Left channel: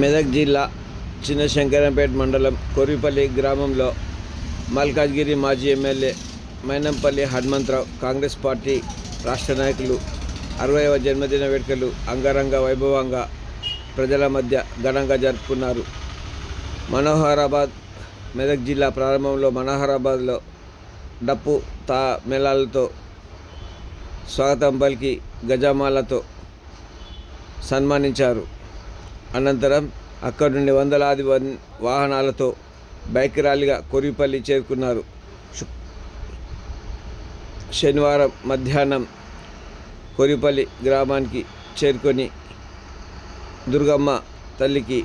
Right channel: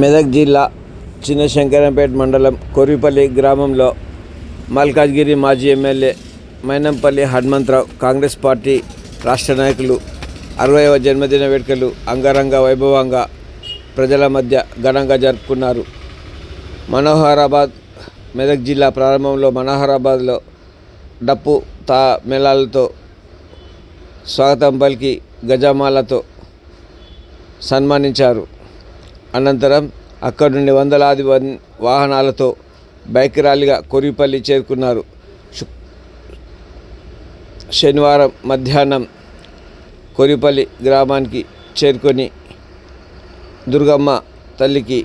మెదక్ జిల్లా చిన్న శంకరంపేట మండలం కొరిపల్లి గ్రామంలో మల్కాజ్గిరి మాజీ MLA Mynampally Hanumantharao Congress party రాష్ట్ర నాయకులు అరవైవ జన్మదిన వేడుకలు అంగరంగ వైభవంగా ప్రజల మధ్య ఘనంగా జరుపుకున్నారు. మనోహరాబాద్ మెదక్ జిల్లా ప్రారంభంలో మనోహరాబాద్లో డప్పు తా మేళాలతో స్వాగతం పలికి గజమాలతో సన్మానించారు. అనంతరం అక్కడి నుండి వందలాది వన్ వాహనాలతో బైక్ ర్యాలీగా కొరిపల్లి చేరుకున్నారు. శనివారం మధ్యాహ్నం కొరిపల్లి గ్రామానికి చేరుకొని దుర్గమ్మ తల్లికి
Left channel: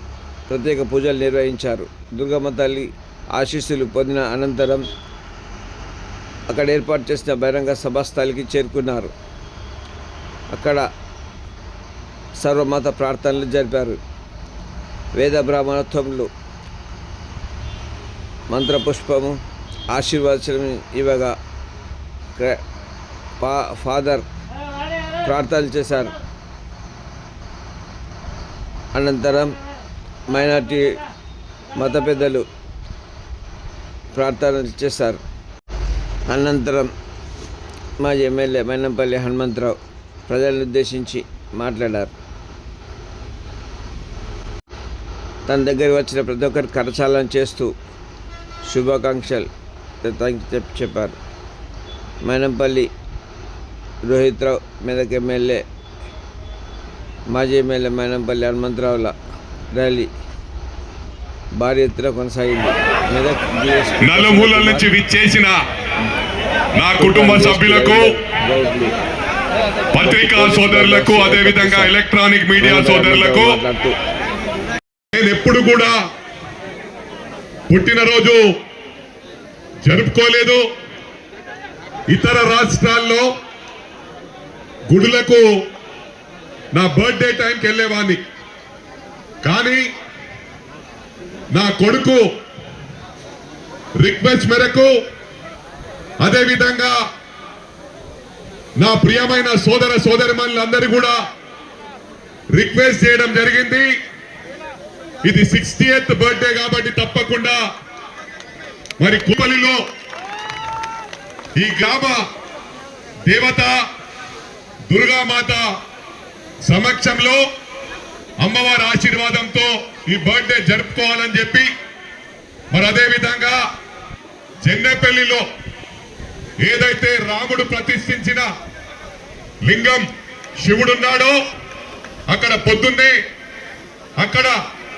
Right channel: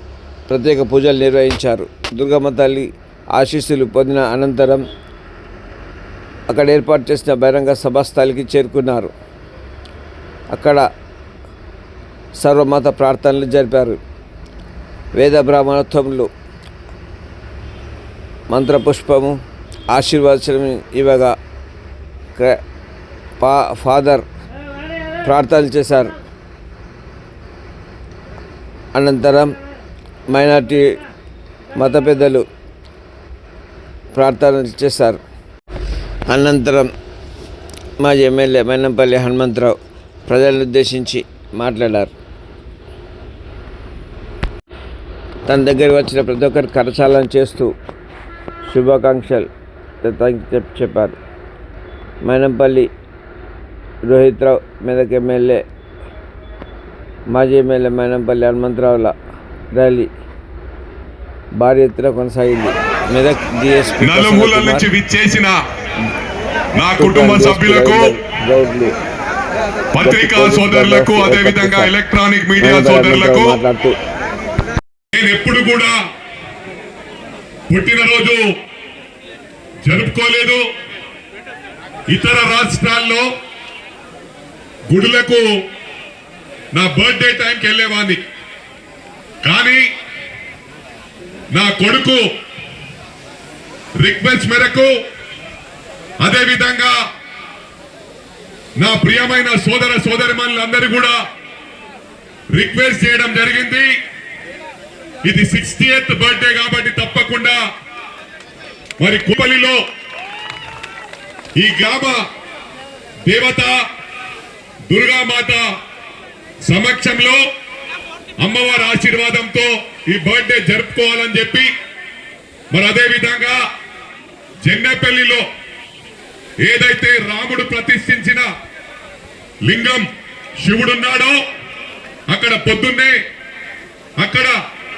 ప్రత్యేక పూజలు నిర్వహించారు. దుర్గమ్మ తల్లి ఆశీస్సులు పొందిన అనంతరం అక్కడ ఏర్పాటు చేసిన బహిరంగ సభాస్థలికి చేరుకున్నారు. అక్కడ సర్వమత ప్రార్థనలు జరిపారు. వేద బ్రాహ్మణోత్సవంలో మంత్రపుష్పము ఆశీర్వచనం ఇవ్వగా క- పా ఫాదర్ ప్రార్థనలు చేశారు. అనంతరం మైనార్టీ మత పెద్దలు ప్రార్థనలు చేశారు. అనంతరం మాజీ ఎమ్మెల్యే మైనంపల్లి హనుమంతరావు ప్రజలను ఉద్దేశించి మాట్లాడారు. తన దగ్గర వచ్చిన ప్రతి ఒక్కరి కరచాలనం చేస్తూ శుభాకాంక్షలు. చెప్పారు. మైనంపల్లి రోహిత్ రావు మెదక్ ఎమ్మెల్యే మాజీ ఎమ్మెల్యే మైనంపల్లి హనుమంతరావుల ర్యాలీ భారీ ఎత్తున కొనసాగింది. మెదక్ నా కుటుంబ సభ్యులకు గౌడ్లు పత్రికా సోదరులకు అదేవిధంగా ఎలక్ట్రానిక్ మీడియా సోదరులకు మాట్లాడుతూ నేను ఎప్పుడు కూడా పుట్టినరోజు జరుపుకోలేదు. ఇతర రాష్ట్రాల్లో గుడులకు నా బర్త్డే టైంకి వెళ్ళేవాడిని. కానీ నా కొడుకు రిక్వెస్ట్ మేరకు అదేవిధంగా నా ప్రియమైన సోదర సోదరిమణులందరూ కూడా రిక్వెస్ట్ చేయడం జరిగింది. ఇది సిక్స్టీ ఎయిత్ బర్త్డే కాబట్టి తప్పకుండా మరి కుపలిలో ఈ గ్రామ దేవత దుర్గామాత సమక్షంలో అమ్మవారి ఆశీర్వాదంతో ఈ బర్త్డే జరుపుకోవాలని చెప్పి మరి అదే విధంగా ఏదైతే రాముడు ప్రతిష్ఠించిన లింగం శివుడున్నాడో అక్కడ పొద్దున్నే అక్కడ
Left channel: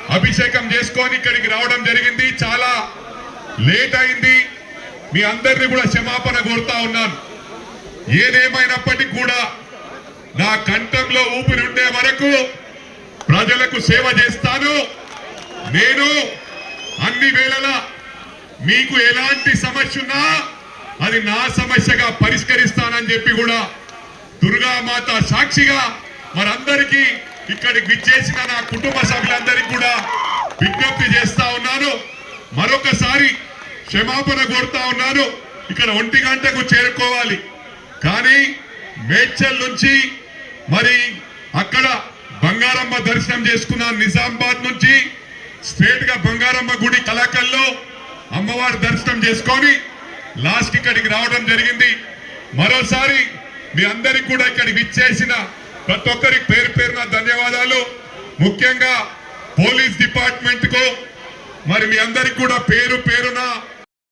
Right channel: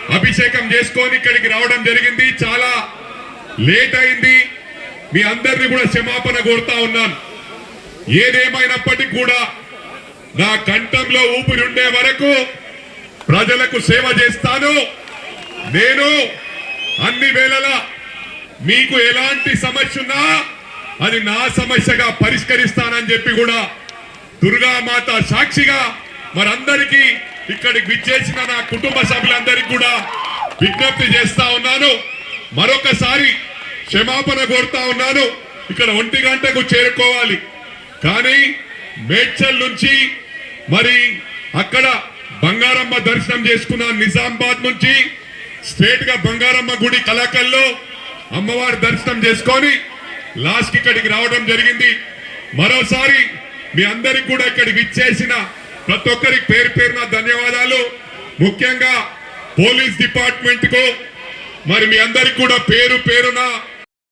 అభిషేకం చేసుకొని ఇక్కడికి రావడం జరిగింది. చాలా లేట్ అయింది. మీ అందరిని కూడా క్షమాపణ కోరుతా ఉన్నాను. ఏదేమైనప్పటికీ కూడా నా కంఠంలో ఊపిరుండే ఉండే వరకు ప్రజలకు సేవ చేస్తాను. నేను అన్ని వేళలా మీకు ఎలాంటి సమస్య ఉన్నా అది నా సమస్యగా పరిష్కరిస్తానని చెప్పి కూడా దుర్గామాత సాక్షిగా మరందరికీ ఇక్కడికి విచ్చేసిన నా కుటుంబ సభ్యులందరికీ కూడా విజ్ఞప్తి చేస్తా ఉన్నాను. మరొకసారి క్షమాపణ కోరుతా ఉన్నాను. ఇక్కడ ఒంటి గంటకు చేరుకోవాలి. కానీ మేడ్చల్ నుంచి మరి అక్కడ బంగారమ్మ దర్శనం చేసుకున్న నిజామాబాద్ నుంచి స్ట్రేట్గా బంగారమ్మ గుడి కలకల్లో అమ్మవారి దర్శనం చేసుకొని లాస్ట్ ఇక్కడికి రావడం జరిగింది. మరోసారి మీ అందరికి కూడా ఇక్కడికి విచ్చేసిన ప్రతి ఒక్కరికి పేరు పేరున ధన్యవాదాలు. ముఖ్యంగా పోలీస్ డిపార్ట్మెంట్కు మరి మీ అందరికి కూడా పేరు పేరున